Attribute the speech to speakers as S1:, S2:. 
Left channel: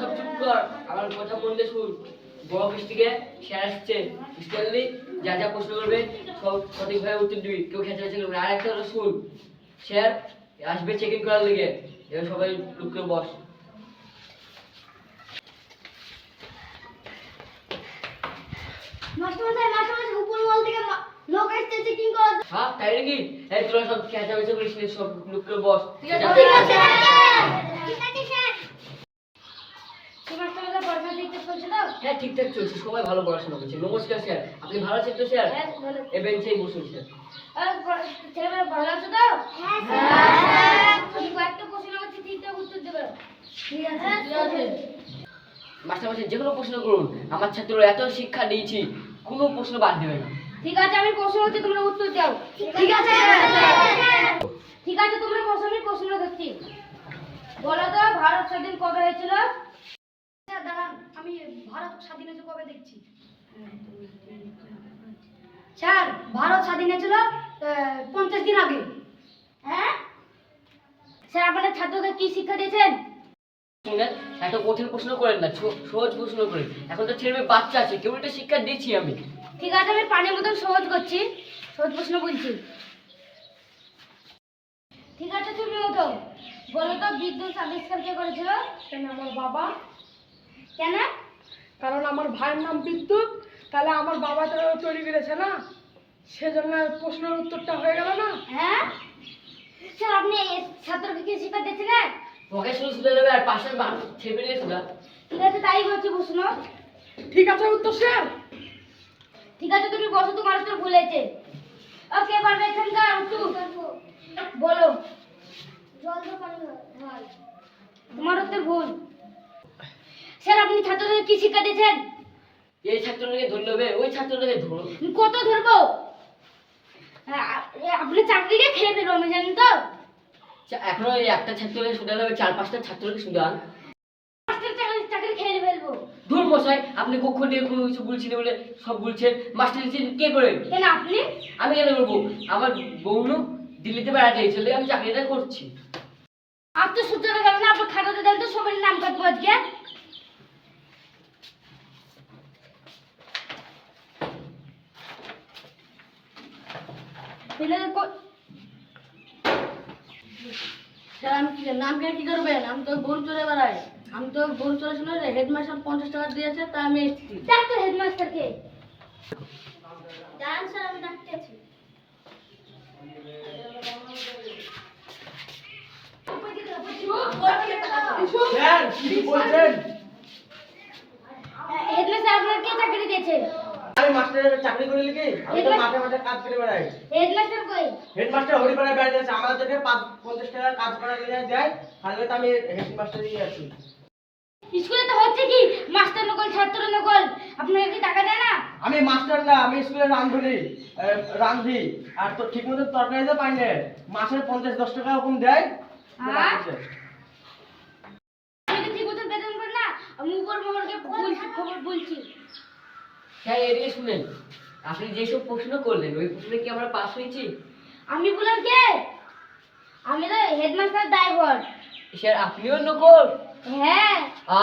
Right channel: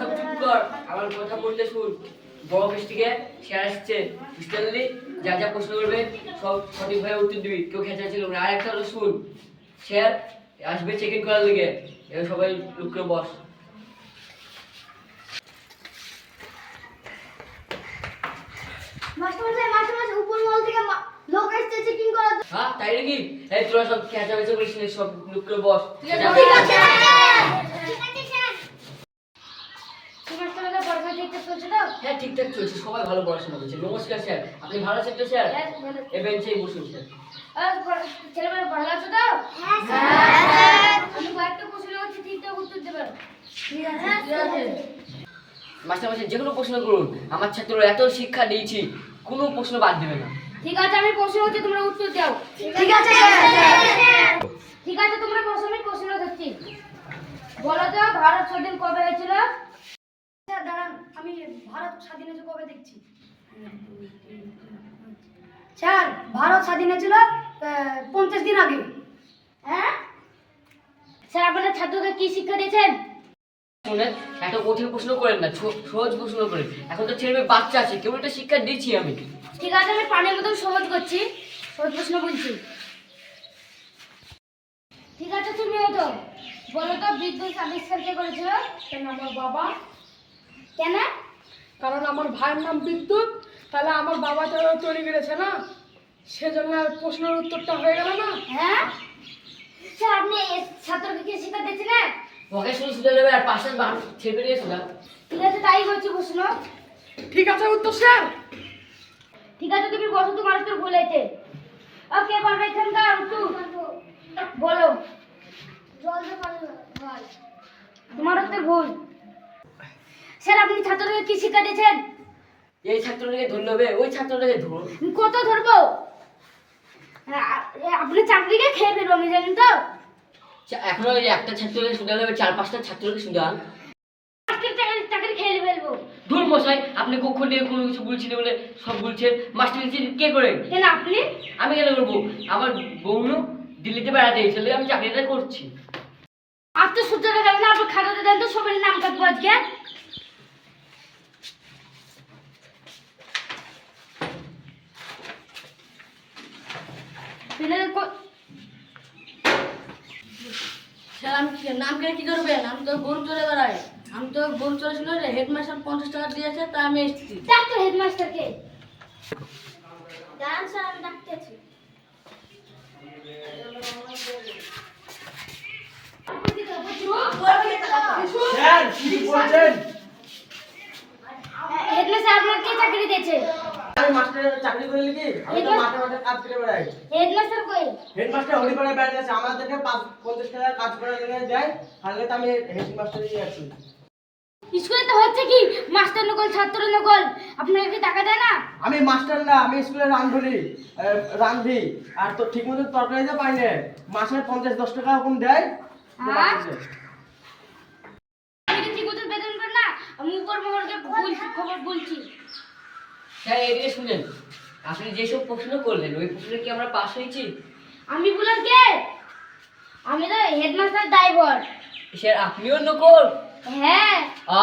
S1: সব চুপ কর। আমার কথা বলতে শুন। বড় থেকে স্যার আসছে। বুঝতে পারলি? যা যা প্রশ্ন করবে সব সঠিকভাবে উত্তর দিবি। কেউ খেঁচা ছিল আর একটা হলো শুন। স্যার আসবে চেক ইন করার লিগে। এবার সবাই লুক করে বস।
S2: মাস্টারমশাই মাস্টারমশাই উপর মহল থেকে লোক এসেছে চেকিং করার
S1: হ্যাঁ তাই নাকি? এই তোরা সব খেঁচা বেচা করিস সব লুক করে বস।
S2: ঠিক আছে ঠিক আছে স্যার কি মাস্টারমশাই পড়াশোনা ঠিকঠাক চলছে তো
S1: হ্যাঁ ঠিকঠাক চলছে সবাই ভালো পড়াশোনা করছে। নমস্কার স্যার আপনি ভালো আছেন তো স্যার?
S2: হ্যাঁ।
S1: এ বেঞ্চেই বসুন স্যার।
S2: ছেলেমেয়েরা ভালো আছে তো? হ্যাঁ স্যার। আমি কয়েকটা প্রশ্ন করছি ঠিকঠাক উত্তর দেবে ঠিক আছে ঠিক
S1: মাস্টার মাস্টার যে কোনো প্রশ্ন করুন। আমার ছাত্ররা এত শিক্ষা দিয়েছি কোনো প্রশ্ন বাদ দেবে না।
S2: ঠিক আছে আমি প্রশ্ন করছি তোমরা উত্তর দাও। ঠিক আছে ঠিক আছে তোমরা প্রশ্ন আমি প্রশ্ন করছি বলো তো ভারত স্বাধীন কবে হয়েছিল?
S3: আমি ভারত স্বাধীন হয়েছে কবে দেখছি? স্যার ভারত স্বাধীন হয়েছিল পঞ্চাশ দিন আগে।
S2: হ্যাঁ? স্যার আপনাদের ছাত্রকে কি শিক্ষা দিয়েছেন?
S1: শুনেন এত কঠিন প্রশ্ন করেন না সহজ প্রশ্ন করেন। এখন তো ছেলে বাচ্চা আছে কেউ একটা শিক্ষা দিচ্ছি আমি।
S2: ঠিক আছে আমি পানির মতন সহজ করছি সহজ প্রশ্ন বলছি। ঠিক আছে তুমি তো। বলো তো বিদ্যুৎ আবিষ্কার কে করেছিল?
S3: আমার বাবা?
S2: কেন?
S3: কারণ আমার ভাইয়ের নাম বিদ্যুৎ তাহলে আমার বাবা তো তৈরি করেছে না? সেজন্য প্রশ্নের উত্তরটা হয়ে গেল না?
S2: হ্যাঁ? স্যার আপনি এ ছাত্রকে কি শিক্ষা দিয়েছিলেন?
S1: পকে শুধু শুধু নেবে আর পাশে ছেপে নিয়ে শোনা
S2: ঠিক আছে তাই বলছি প্রশ্ন।
S3: ঠিক আছে উত্তর স্যার।
S2: ঠিক আছে তুমি বসো তোমার উত্তর ভুল হয়েছে। ওকে পারবে এখানকার উত্তর। বলো। জল। তোমার উত্তর ভুল। স্যার আপনি ছাত্রদের কি শিক্ষা দিয়েছেন?
S1: এই ছাত্রটাকে ধরলে ওই ছাত্রটাকে ধরুন।
S2: কত ধরবো? হ্যাঁ, আপনি চাকরিকে খেয়ে ফেলব আমি জানেন তো।
S1: এখনও ওই একটা ছাত্রকে শুধু নেবে চার পাঁচটা ছাত্রকে
S2: আজকের চাকরি খেয়ে ফেলব।
S1: ধুর মশাই আপনি কখন দিয়ে কোনো কিছু বলছিলেন বলে সব বলছেন। মাস্টার নিচ্ছেন কে করে?
S2: কেন আপনি?
S1: আমি কেন করব? আমার বউনু দিল্লিতে বেড়াতে গেছিল আমি চাকরিটা করছি।
S2: আজ তো সূর্য দেখা যাবে না আপনি খাতাতে দেন তো সবারই নাম কাটবো আজকে। ছেলেদের
S4: স্যার আমি কি- নাম কে কি করবেন আমি তো গরু চড়ে বেড়াই আমি তো গরু চড়ে হেডমাস্টার পঞ্চাশ টাকা দিয়েছে তাই আমি এসেছি।
S2: ডাক্তার হেডমাস্টারকে। দাঁড়ান স্যার আমি ডাকতেছি হেডমাস্টার আপনার কে চাকরি দিয়েছে?
S5: আমি মাস্টারের চাকরি করে লিখি আমি তো মাঠে মাঠে কাজ করে বেড়াই।
S2: হেডমাস্টার কই?
S5: হেডমাস্টার হরিপাড়ায় বেড়াতে আছে আমাদেরকে পঞ্চাশ টাকা কাজ করার লেগে দেয়। তাহলে তো আমি হেডমাস্টারই আছি।
S2: স্কুলে তো হচ্ছে কি? মাস্টার নকল ছাত্র নকল। আপনাকে কি টাকা দেয় না?
S5: আমি মাস্টার না আমি স্কুলে রান্ধুলি রান্ধি। আর তো ঠিক মতো তরকারি তো পাই না। মাসে পঞ্চাশ দশ টাকা এরকম দেয়?
S2: আমি তো ঠিক মতো বেতন করি না। আমি উপর মহলকে বলছি খবর বলছি।
S1: স্যার এদিকে শুনেন আপনি যেসব প্রশ্ন করলেন ওই প্রশ্নে কি আমরা পাশ হয়েছি?
S2: আমি বললাম কে? আমি তো হেডমাস্টার ড্রাইভার
S1: স্যার আপনিও নকল?
S2: হ্যাঁ।
S5: আ?